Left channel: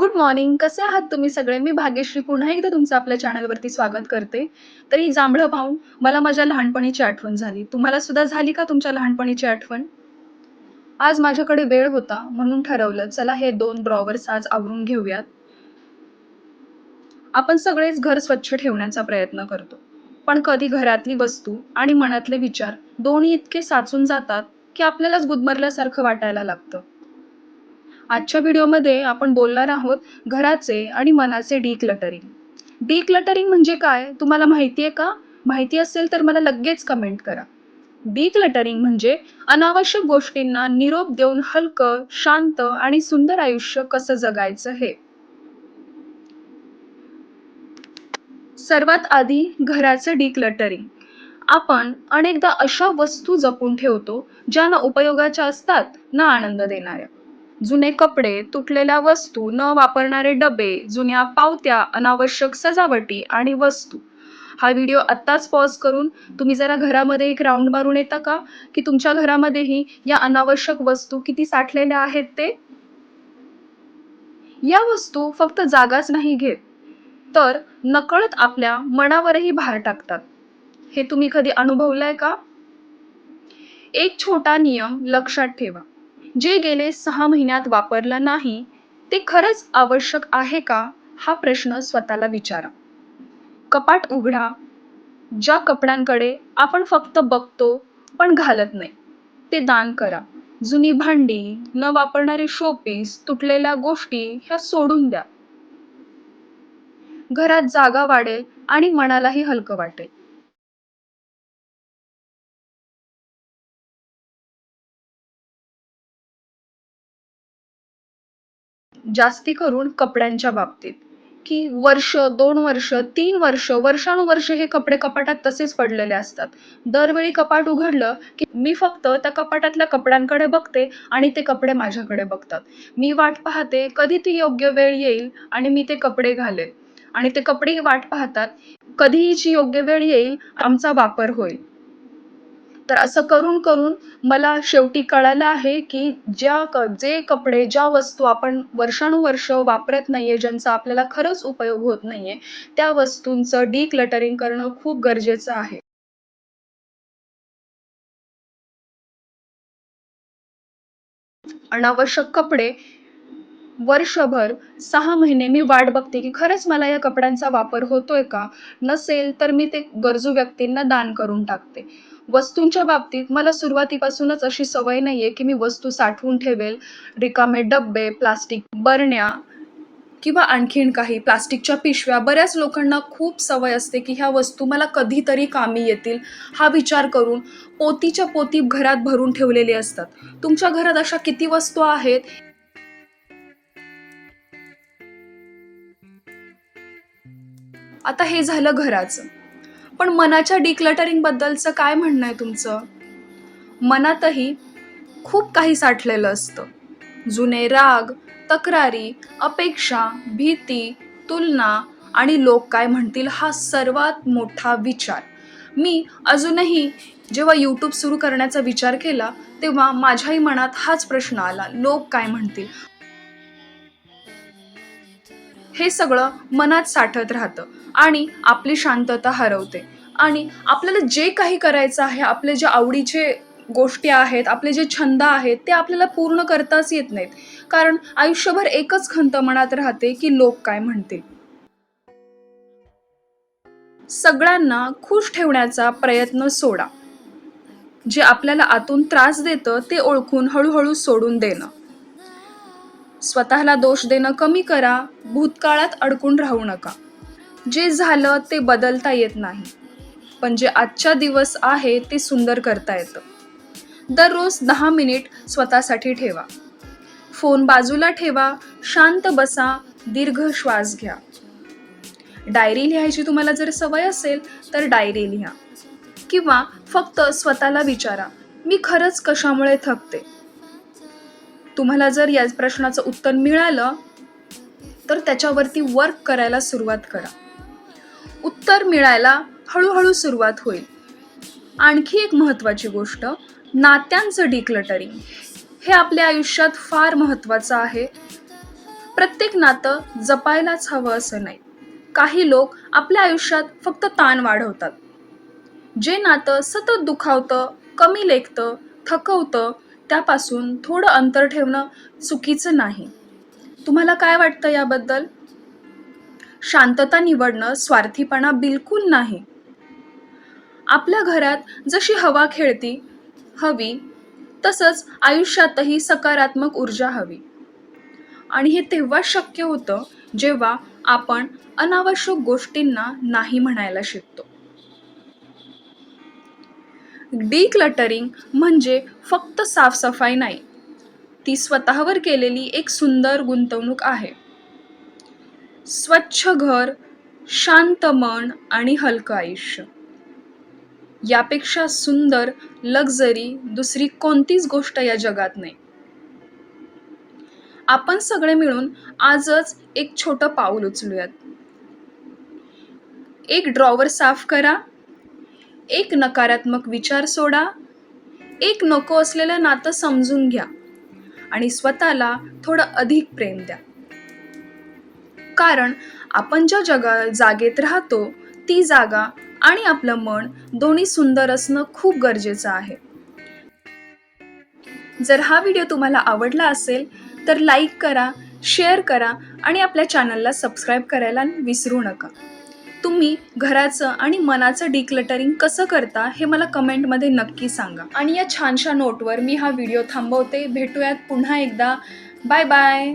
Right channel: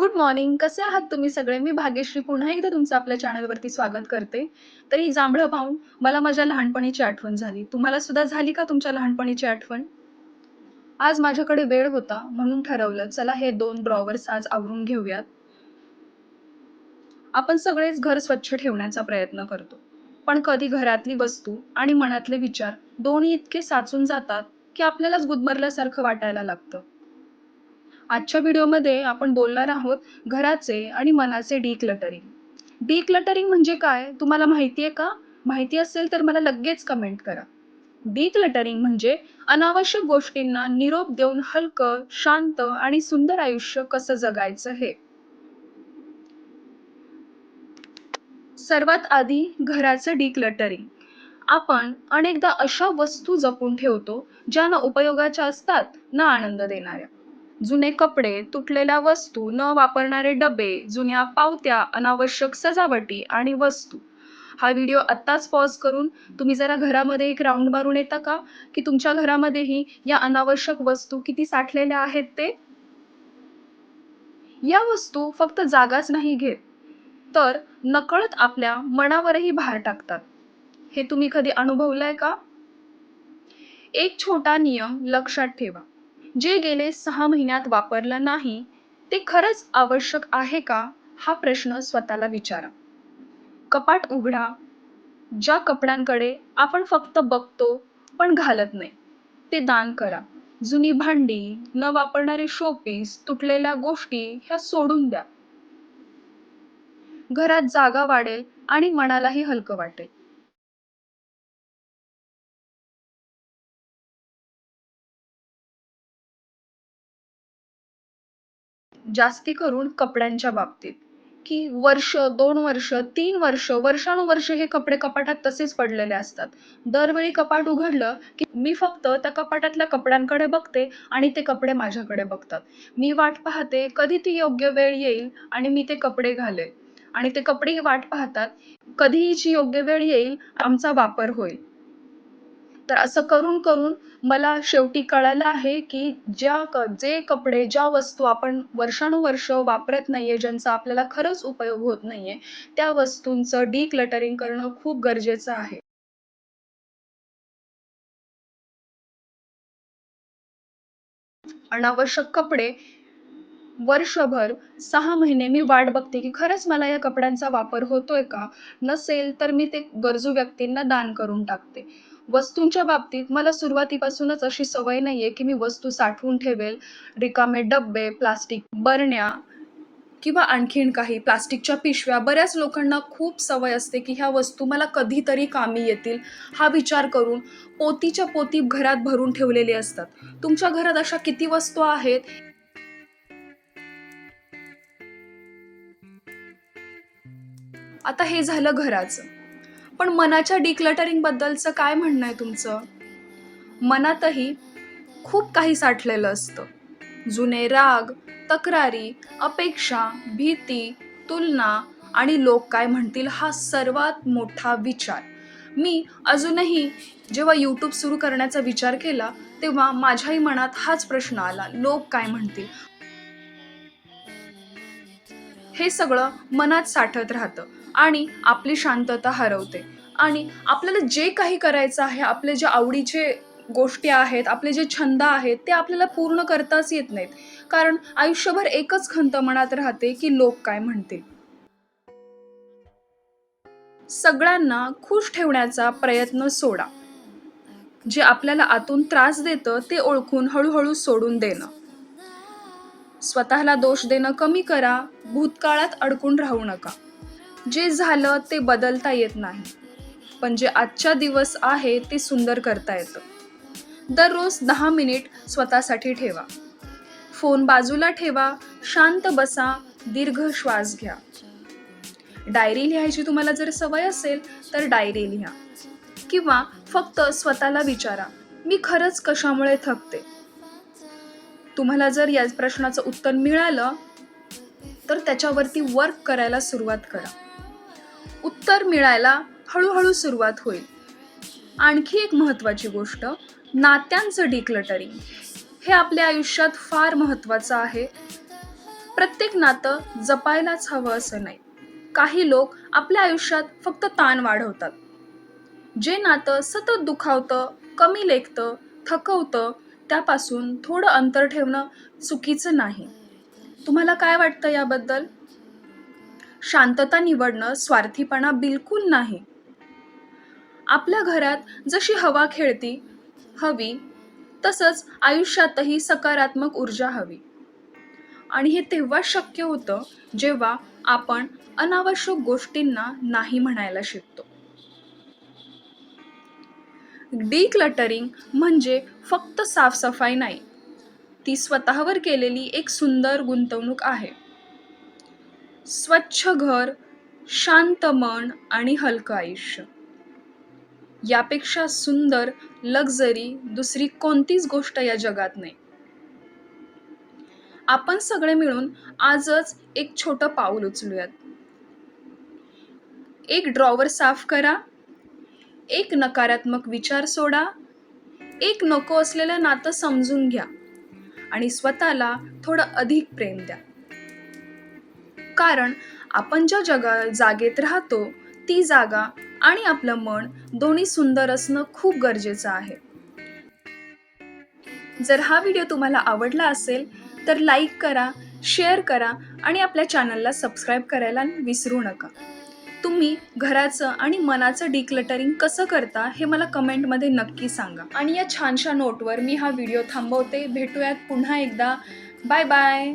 Good morning. कसे आहात तुम्ही सगळे? मी भाग्यश्री पुन्हा एकदा तुमचं आपल्या चॅनलवरती स्वागत करते. तर ही जांभळं पाहून मला माझ्या लहानपणीची आठवण झाली. तुम्हाला सुद्धा झाली का तुमच्या लहानपणीची आठवण? आज माझ्याकडे वेळ होता म्हणून ठरवलं चला हे 2 ड्रॉवर्स आज आवरून घेऊयात. आपण सगळेच घर स्वच्छ ठेवण्याचा प्रयत्न करतो. पण कधी घरातली वस्तू आणि मनातले विचार दोन्ही इतके साचून जातात की आपल्यालाच गुदमरल्यासारखं वाटायला लागतं. आजच्या व्हिडिओमध्ये आपण बोलणार आहोत घराचे आणि मनाचे डिक्लटरिंग. डिक्लटरिंग म्हणजे काय तुम्हाला माहिती आहे का? माहिती असेल तर मला लगेच कमेंट करा. डिक्लटरिंग म्हणजे अनावश्यक गोष्टींना निरोप देऊन हलकं, शांत आणि सुंदर आयुष्य कसं जगायचं हे. सर्वात आधी घराचं डिक्लटरिंग. आपण अनेकदा अशा वस्तू जपून ठेवतो ज्या ना उपयोगाच्या असतात ना आनंद देणाऱ्या. जुने कपडे, तुटलेल्या वस्तू, न वापरणारे डबे, जुन्या पावत्या, अनावश्यक सजावटी आणि वस्तू. हा व्हिडिओ आत्ताच पॉज करून तुम्ही जरा घरामध्ये एक राऊंड मारून येता का, की तुमच्या घरामध्येही या अनावश्यक वस्तू किती साठलेल्या आहेत ते. या वस्तू फक्त जागाच नाही घेत, तर नकळत आपल्या मनावरही भार टाकतात. हे तुम्ही कधी अनुभवलंय का? एक छोटा नियम लक्षात ठेवा. जे गेले 6 महिन्यात वापरलं नाही ते खरंच आवश्यक आहे का, हा प्रश्न स्वतःला विचारा. कपाट उघडा. ज्या कपड्यांकडे आपण फक्त बघतो पण घालत नाही ते दान करा. जुनी भांडी, न वापरणारे शोपीस, तुटलेल्या गोष्टी ह्या सोडून द्या. घरात जागा वाढेल आणि मनालाही हलकं वाटेल. जास्ती करून कपड्यांच्या बाबतीत, की वर्ष 2 वर्ष 3 वर्ष वर्षानुवर्ष हे कपडे कपाटात तसेच पडलेले असतात. दरवेळी कपाट उघडलं की मी फक्त त्या कपाटातल्या कपड्यांकडे बघते आणि ते कपडे माझ्याकडे बघतात. मी वाट पाहते कधी ती योग्य वेळ येईल आणि मी ते कपडे घालेल, आणि ते कपडेही वाट पाहतात कधी हिची योग्य वेळ येईल, आमचा वापर होईल. तर असं करून करून मला शेवटी कळालं आहे की जे कपडे, ज्या वस्तू आपण वर्षानुवर्ष वापरत नाहीये, ज्यांचा आपल्याला खरंच उपयोग होत नाहीये, त्या वस्तूंचं डिक्लटरिंग करणं खूप गरजेचं आहे. अनावश्यक कपडे वर्षभर 6 महिने मी वाट बघते की खरंच मला या कपड्यांचा वापर होतोय का. नसेल तर मी ते गरजू व्यक्तींना दान करून टाकते. वस्तूंच्या बाबतीत मला सुरुवातीपासूनच अशी सवय नाहीये की मी वस्तू साठवून ठेवेल. रिकामे डब्बे, प्लास्टिक बरण्या किंवा आणखीन काही प्लास्टिकच्या पिशव्या, बऱ्याच लोकांना खूप सवय असते की ह्या वस्तू मला कधीतरी कामी येतील हा विचार करून पोतीच्या पोती घरात भरून ठेवलेले असतात. तुमच्या घरात अशा किती वस्तू आहेत? आता हे झालं घराचं. पण मनाच्या डिक्लटरिंग बद्दलचं काय म्हणणं आहे तुमचं? मनातही खूप काही साठलेलं असतं. जुने राग, तक्रारी, अपेक्षा, भीती, तुलना आणि लोक काय म्हणतील हा सर्वात मोठा विचार. मी अजूनही जेव्हा YouTube सुरू करण्याचा विचार केला, तेव्हा माझ्याही मनात हाच प्रश्न आला, लोक काय म्हणतील? हे सगळं मनात साठत राहतं आणि आपली शांतता हरवते. आणि आपल्याला जे काही करायचं आहे, आपले जे आवडीचे गोष्टी आहेत, आपले जे छंद आहेत, ते आपल्याला पूर्ण करताच येत नाहीत. कारण आयुष्यभर एकच खंत मनात राहते की लोक काय म्हणतील. सगळ्यांना खुश ठेवण्याचा प्रयत्न सोडा. जे आपल्याला आतून त्रास देतं ते ओळखून हळूहळू सोडून देणं. स्वतःला दोष देणं कमी करा. भूतकाळात अडकून राहू नका. जे झालं ते बदलता येत नाही, पण जे आजच्या दिवस आहे ते सुंदर करता येतं. दररोज 10 मिनिट स्वतःसाठी ठेवा. फोन बाजूला ठेवा, शांत बसा, दीर्घ श्वास घ्या. डायरी लिहायची तुम्हाला जर सवय असेल तर डायरी लिहा. किंवा फक्त स्वतःला विचारा, मी खरंच कशामुळे थकते. तुम्हाला जर या प्रश्नाचं उत्तर मिळालं तर त्याच्यावरती वर्क करायला सुरुवात करा. उत्तर मिळायला हळूहळू सुरुवात होईल. आणखी एक महत्त्वाची गोष्ट, नात्यांचं डिक्लटरिंग. हे आपल्या आयुष्यात फार महत्त्वाचं आहे. प्रत्येक नातं जपायलाच हवं असं नाही. काही लोक आपल्या आयुष्यात फक्त ताण वाढवतात. जे नातं सतत दुखावतं, कमी लेखतं, थकवतं, त्यापासून थोडं अंतर ठेवणं चुकीचं नाही. तुम्हाला काय वाटतं याबद्दल? शांतता निवडणं स्वार्थीपणा बिलकुल नाही. आपल्या घरात जशी हवा खेळती हवी, तसंच आयुष्यातही सकारात्मक ऊर्जा हवी. आणि हे तेव्हाच शक्य होतं, जेव्हा आपण अनावश्यक गोष्टींना नाही म्हणायला शिकतो. डिक्लटरिंग म्हणजे फक्त साफसफाई नाही, ती स्वतःवर केलेली एक सुंदर गुंतवणूक आहे. स्वच्छ घर, शांत मन आणि हलकं आयुष्य, यापेक्षा सुंदर लक्झरी दुसरी कोणतीच गोष्ट या जगात नाही. आपण सगळे मिळून आजच एक छोटं पाऊल उचलूयात. एक ड्रॉवर साफ करा, एक नकारात्मक विचार सोडा, एक नको असलेलं नातं समजून घ्या आणि स्वतःला थोडं अधिक प्रेम द्या. कारण आपण ज्या जागेत राहतो, ती जागा आणि आपलं मन दोन्ही सुंदर असणं खूप गरजेचं आहे. जर हा व्हिडिओ तुम्हाला आवडला असेल तर लाईक करा, शेअर करा आणि आपल्या चॅनलला सबस्क्राईब करायला विसरू नका. तुम्ही घराचं आणि मनाचं डिक्लटरिंग कसं करता हे मला कमेंटमध्ये नक्की सांगा. आणि या छानशा नोटवर मी हा व्हिडिओ थांबवते. भेटूयात पुन्हा एकदा. Bye bye.